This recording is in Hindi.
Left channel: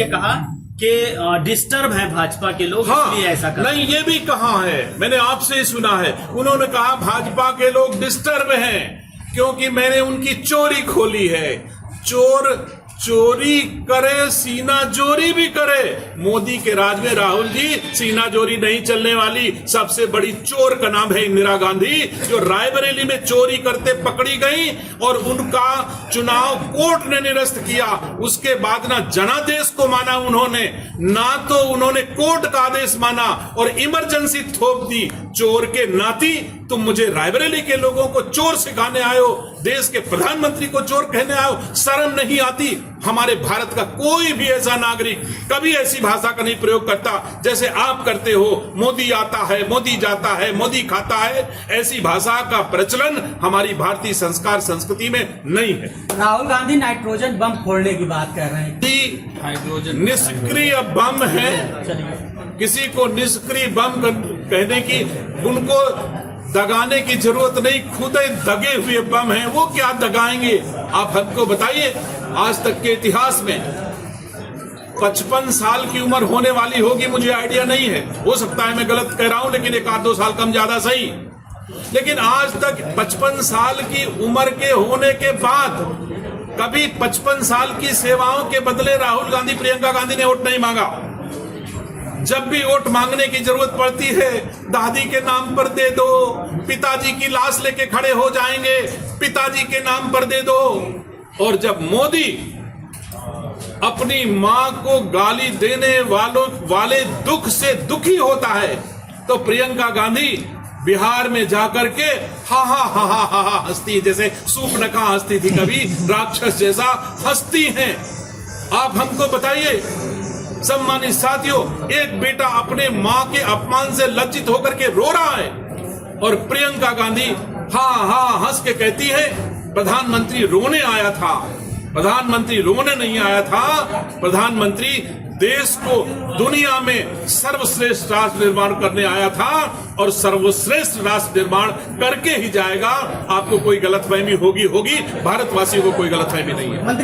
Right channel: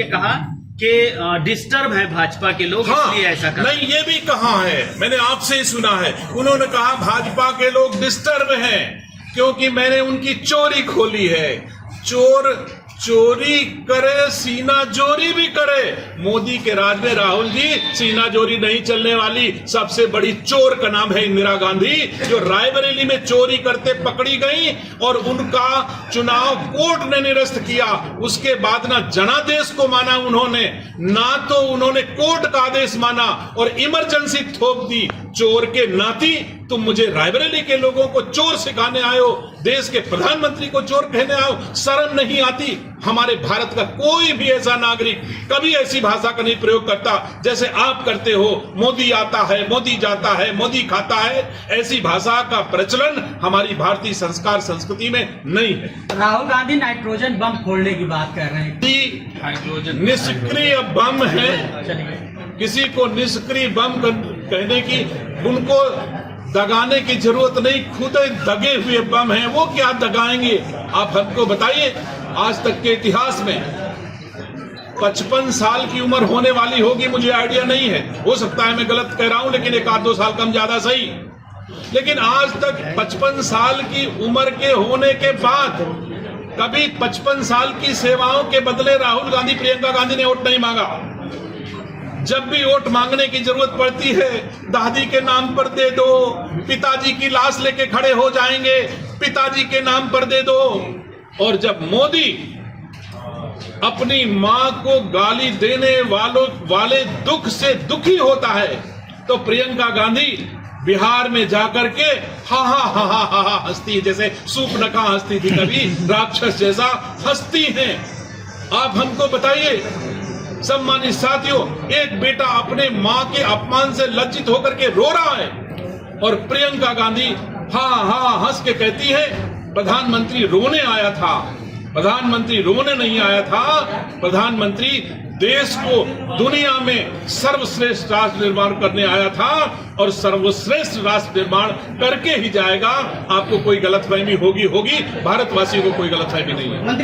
कहा कि डिस्टर्ब है भाजपा के लोग, हाँ, इसलिए ऐसा कर नहीं, ये भी कहा है, मैंने आपसे ही सुना है। उन्होंने कहा भाजपा के लोग डिस्टर्ब हैं क्योंकि मैंने उनकी चोरी खोली है। चोर चोरी करे, सीना जोरी भी करे। मोदी के राज में राहुल जी सीना जोरी नहीं चलने वाली। सबसे बड़ी चोर का नाम है इंदिरा गांधी, जो रायबरेली में चोरी करते पकड़ी गई और उनका चुनाव कोर्ट ने निरस्त किया। उसके बाद ना जनादेश को माना उन्होंने, ना तो उन्होंने कोर्ट का आदेश माना और इमरजेंसी थोप दी। चोर के नाती तुम मुझे रायबरेली के लोगों को चोर सिखाने आयो, देश के प्रधानमंत्री को चोर कहने आओ, शर्म नहीं आती? हमारे भारत का कोई भी ऐसा नागरिक कभी ऐसी भाषा का नहीं प्रयोग करता जैसे आप करते हो। मोदी आता है, मोदी जाता है, मोदी खाता है, ऐसी भाषा का प्रचलन हमारी भारतीय संस्कार संस्कृति में नहीं है। राहुल गांधी नाइट्रोजन बम फोड़ने की बात कर रहे हैं। निष्क्रिय बम है, किसी को निष्क्रिय बम कहने की, उनको दगाने की जरूरत नहीं, खुद दगे हुए बम हैं, वो क्या दगाएंगे? आप हमको बताइए, आज तक के इतिहास में 55 साल की उम्र होने वाली होगी, मुझे आइडिया नहीं है, हो सकता है मैं गलत कह रहा हूं, लेकिन एक आध दो साल कम ज्यादा सही। लेकिन आज तक 55 साल की उम्र के होने के बाद कभी 55 साल की सेवाओं के बदले राहुल गांधी, प्रियंका गांधी ने वोट नहीं मांगा। जब भी वोट मांगने की जरूरत पड़ती है, दादी के नाम पर दे दो, पिताजी की लाश लेके खड़े हो जाएंगे, पिताजी के नाम पर दे दो। और जब मोदी अपनी मां को गाली देने वाले दुख से दुखी होता है, तो प्रियंका गांधी बिहार में जाकर के हा हा हा हा हा हा हंसती, जैसे सूपनखा हंसती थी कभी, राक्षस जैसा हंसती हैं। आप हमको बताइए सम्मानित साथियों, एक बेटा अपने मां के अपमान से लज्जित होकर के रो रहा है और प्रियंका गांधी हा हा हंस के कहती है प्रधानमंत्री रोने आया था। प्रधानमंत्री रोने नहीं आया था, प्रधानमंत्री देश को दुनिया में सर्वश्रेष्ठ राष्ट्र निर्माण करने आया था और सर्वश्रेष्ठ राष्ट्र निर्माण करके ही जाएगा। आपको कोई गलतफहमी होगी, भारतवासियों को कोई गलतफहमी नहीं है।